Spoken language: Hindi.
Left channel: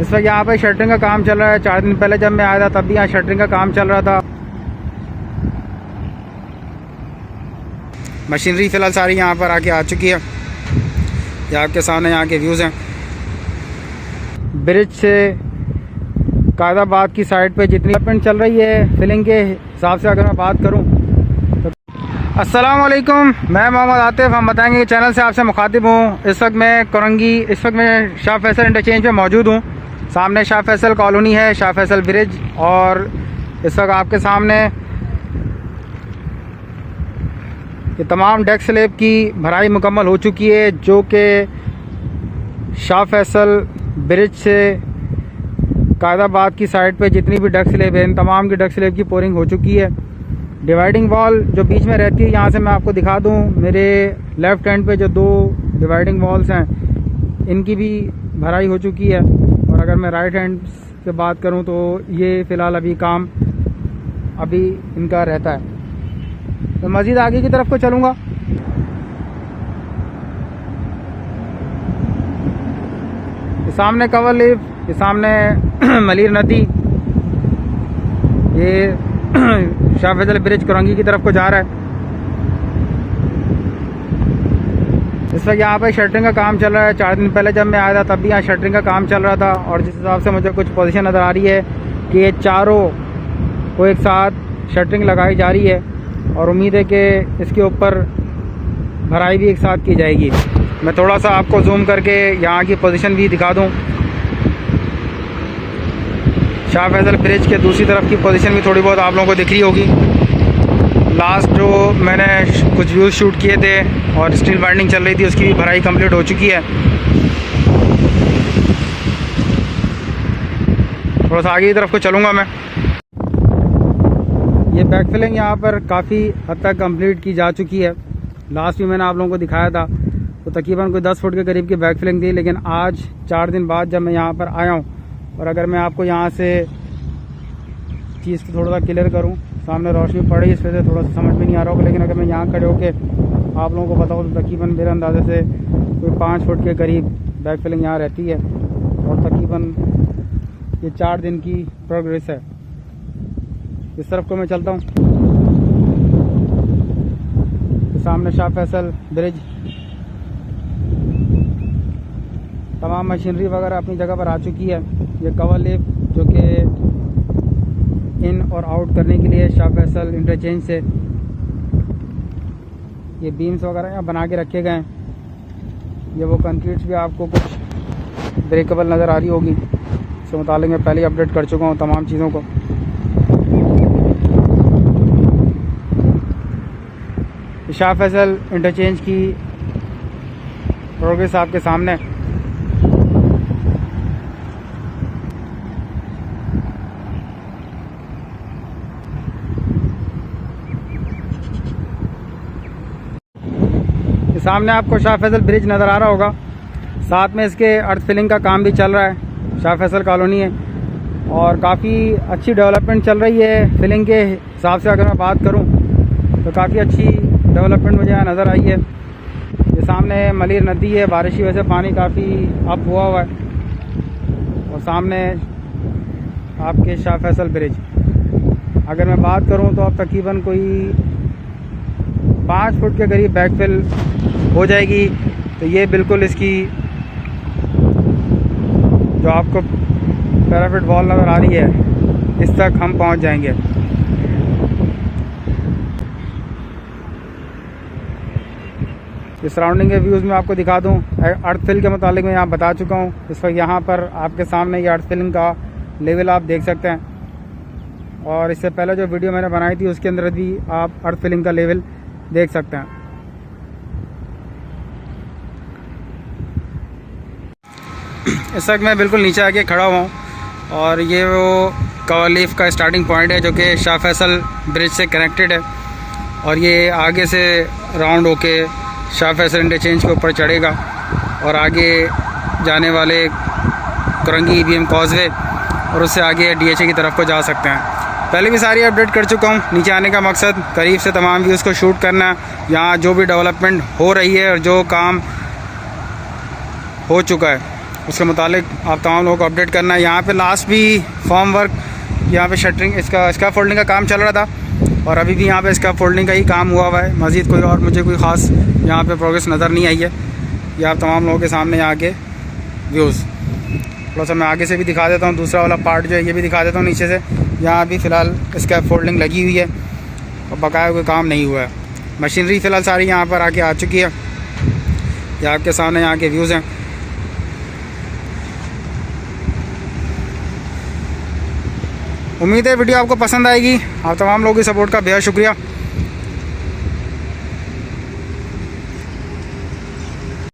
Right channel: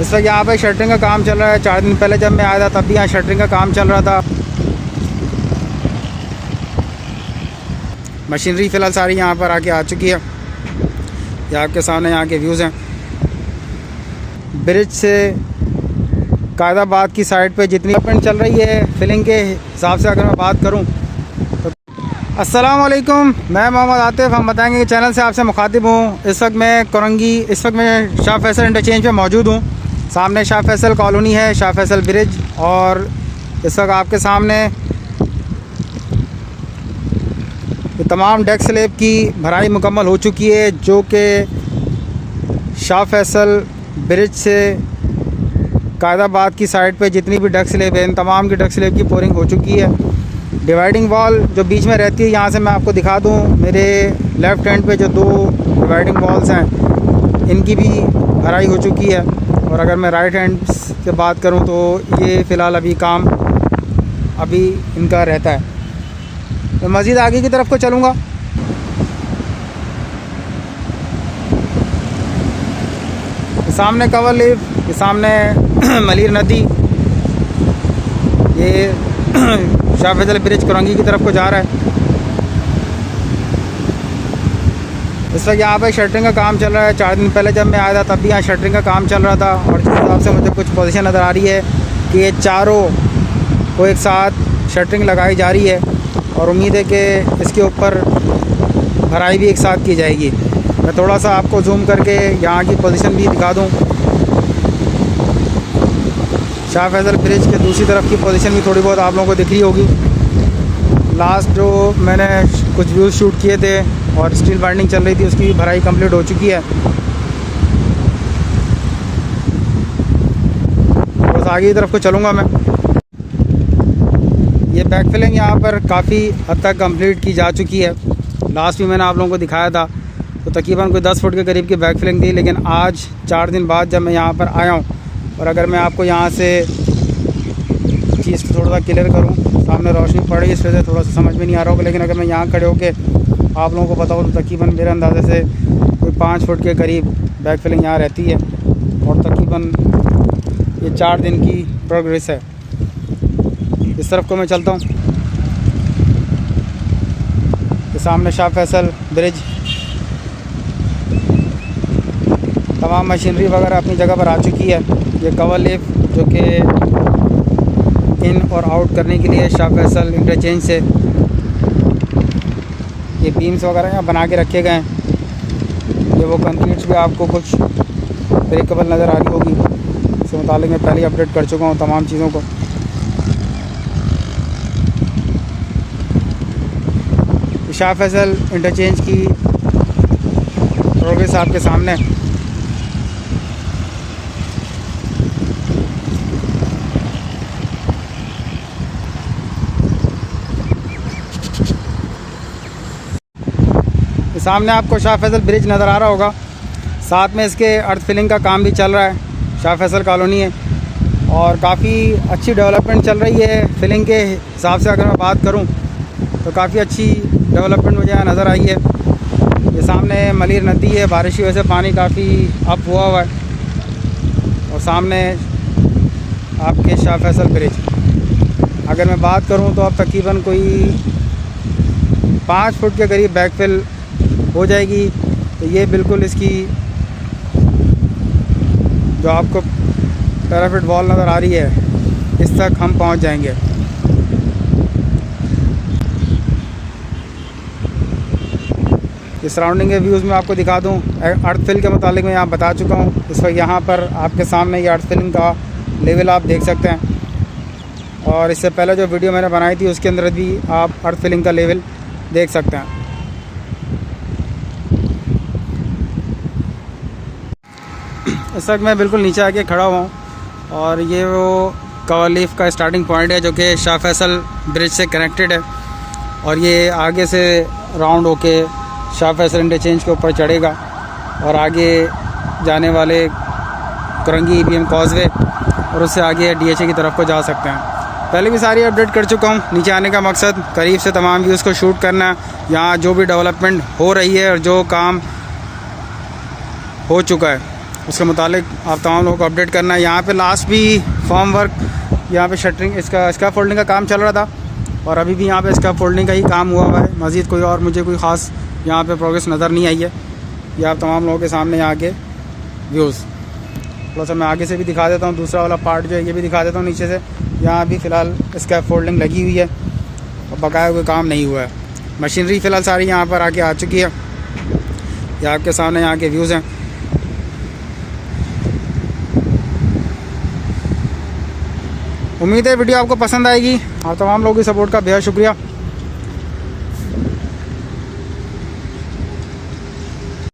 इस वक्त यहाँ पे शटरिंग का काम चल रहा है। 4 दिन पहले जब मैं आया था तब भी यहाँ शटरिंग का काम चल रहा था। मशीनरी फ़िलहाल सारी यहाँ पर आके आ चुकी है। ये आपके सामने यहाँ के व्यूज़ हैं। ब्रिज से कायदाबाद की साइड पे जितनी डेवलपमेंट चल रही है फिलिंग के हिसाब से अगर मैं बात करूँ तो अस्सलाम वालेकुम, मैं मोहम्मद आतिफ। हम बताएंगे कि चैनल से आपसे मुखातिब हूँ। इस वक्त मैं शाह फैसल इंटरचेंज पे मौजूद हूँ। सामने शाह फैसल कॉलोनी है, शाह फैसल ब्रिज, और इस वक्त आपके सामने ये तमाम डेक स्लैब की भराई मुकम्मल हो चुकी है, जो कि शाह फैसल ब्रिज से कायदाबाद की साइड पे जितनी भी डेक स्लैब है इन तमाम की डेक स्लैब की पोरिंग हो चुकी है। डिवाइडिंग वॉल जो बीच में रहती है, यहाँ से मैं आपको दिखा दूँ, मेरे लेफ़्ट हैंड पे जो 2 डिवाइडिंग वॉल्स हैं इनकी भी भराई हो चुकी है। और अगर मैं राइट हैंड से बात करूँ तो ये फ़िलहाल अभी काम इनका रहता है। मैं मज़ीद आगे की तरफ को चलूँगा। सामने कवर लीफ, ये सामने मलीर नदी, ये शाह फैसल ब्रिज करंगी की तरफ को जा रहा है। इस वक्त यहाँ पर शटरिंग का काम चल रहा है। 4 दिन पहले जब मैं आया था तब भी यहाँ शटरिंग का काम चल रहा था। और जिस हिसाब से मुझे कुछ पोजीशन नज़र आ रही है कि ये चारों को एक साथ शटरिंग लगाई जा रही है और उम्मीद है कि इसके ऊपर भराई भी एक साथ की जाएगी। मैं थोड़ा सा आपको जूम करके यहाँ की पोजीशन भी दिखा दूँ। शाह फैसल ब्रिज के दूसरी तरफ की पोजीशन भी थोड़ी बहुत आप लोगों को दिख रही होगी। लास्ट जो मैंने कुछ व्यूज़ शूट किए थे और स्टील बाइंडिंग चल रही थी, उसकी भी भराई कंप्लीट हो चुकी है। थोड़ा सा आगे की तरफ को चलूँगा मैं। ये बैक फिलिंग यहाँ पर काफ़ी हद तक कंप्लीट की जा चुकी है। लास्ट भी मैंने आप लोगों को दिखाया था तो तकरीबन कोई 10 फुट के करीब की बैक फिलिंग थी, लेकिन आज 4 दिन बाद जब मैं यहाँ पर आया हूँ और अगर मैं आपको यहाँ से चीज़ थोड़ा सा क्लियर करूँ, सामने रोशनी पड़ रही है, इस वजह से थोड़ा सा समझ में नहीं आ रहा होगा, लेकिन अगर मैं यहाँ खड़े होकर आप लोगों को बताऊँ तो तकरीबन मेरे अंदाजे से कोई 5 फुट के करीब बैक फिलिंग यहाँ रहती है। और तकरीबन ये 4 दिन की प्रोग्रेस है। इस तरफ को मैं चलता हूँ। ये सामने शाह फैसल ब्रिज, तमाम मशीनरी वगैरह अपनी जगह पर आ चुकी है। ये कवर लिफ जो कि इन और आउट करने के लिए शाह फैसल इंटरचेंज से ये बीम्स वगैरह यहाँ बना के रखे गए हैं। ये वो कंक्रीट्स भी आपको कुछ ब्रेकेबल नज़र आ रही होगी, इसके मुताबिक मैं पहले ही अपडेट कर चुका हूँ तमाम चीज़ों को। शाह फैसल इंटरचेंज की प्रोग्रेस आपके सामने। सामने आपको शाह फैसल ब्रिज नज़र आ रहा होगा, साथ में इसके अर्थ फिलिंग का काम भी चल रहा है। शाह फैसल कॉलोनी है और काफ़ी अच्छी डेवलपमेंट चल रही है। फिलिंग के हिसाब से अगर मैं बात करूं तो काफ़ी अच्छी डेवलपमेंट मुझे यहाँ नज़र आई है। ये सामने मलीर नदी है, बारिश की वजह से पानी काफ़ी अप हुआ है। और सामने आपके शाह फैसल ब्रिज अगर मैं बात करूं तो अब तकरीबन कोई 5 फुट के करीब बैकफिल हो जाएगी। तो ये बिल्कुल इसकी जो आपको पैराफिट वॉल नज़र आ रही है इस तक हम पहुंच जाएंगे। इस सराउंडिंग के व्यूज़ में आपको दिखा दूं। अर्थ फिल के मुतालिक मैं यहाँ बता चुका हूँ। इस वक्त यहाँ पर आपके सामने ये अर्थ फिलिंग का लेवल आप देख सकते हैं और इससे पहले जो वीडियो मैंने बनाई थी उसके अंदर भी आप अर्थ फिलिंग का लेवल देख सकते हैं। इस वक्त मैं बिल्कुल नीचे आके खड़ा हुआ हूँ और ये वो कवर लीफ का स्टार्टिंग पॉइंट है जो कि शाह फैसल ब्रिज से कनेक्टेड है और ये आगे से राउंड होके शाह फैसल इंटरचेंज के ऊपर चढ़ेगा और आगे जाने वाले करंगी EBM कॉजवे और उससे आगे DHA की तरफ को जा सकते हैं। पहले भी सारी अपडेट कर चुका हूँ। नीचे आने का मकसद करीब से तमाम व्यूज़ को शूट करना, यहाँ जो भी डेवलपमेंट हो रही है और जो काम हो चुका है उसके मुतालिक आप तमाम लोगों को अपडेट करना है। यहाँ पे लास्ट भी फॉर्म वर्क, यहाँ पे शटरिंग, इसका स्कैफ फोल्डिंग का काम चल रहा था और अभी भी यहाँ पे स्कैफ फोल्डिंग का ही काम हुआ हुआ है। मज़ीद कोई और मुझे कोई ख़ास यहाँ पे प्रोग्रेस नज़र नहीं आई है। ये आप तमाम लोगों के सामने यहाँ के व्यूज़, थोड़ा सा मैं आगे से भी दिखा देता हूँ। दूसरा वाला पार्ट जो है ये भी दिखा देता हूँ नीचे से। यहाँ अभी फ़िलहाल स्कैफ फोल्डिंग लगी हुई है और बकाया कोई काम नहीं हुआ है। मशीनरी फ़िलहाल सारी यहाँ पर आके आ चुकी है। ये आपके सामने यहाँ के व्यूज़ हैं। उम्मीद है वीडियो आपको पसंद आएगी। आप तमाम लोगों की सपोर्ट का बेहद शुक्रिया।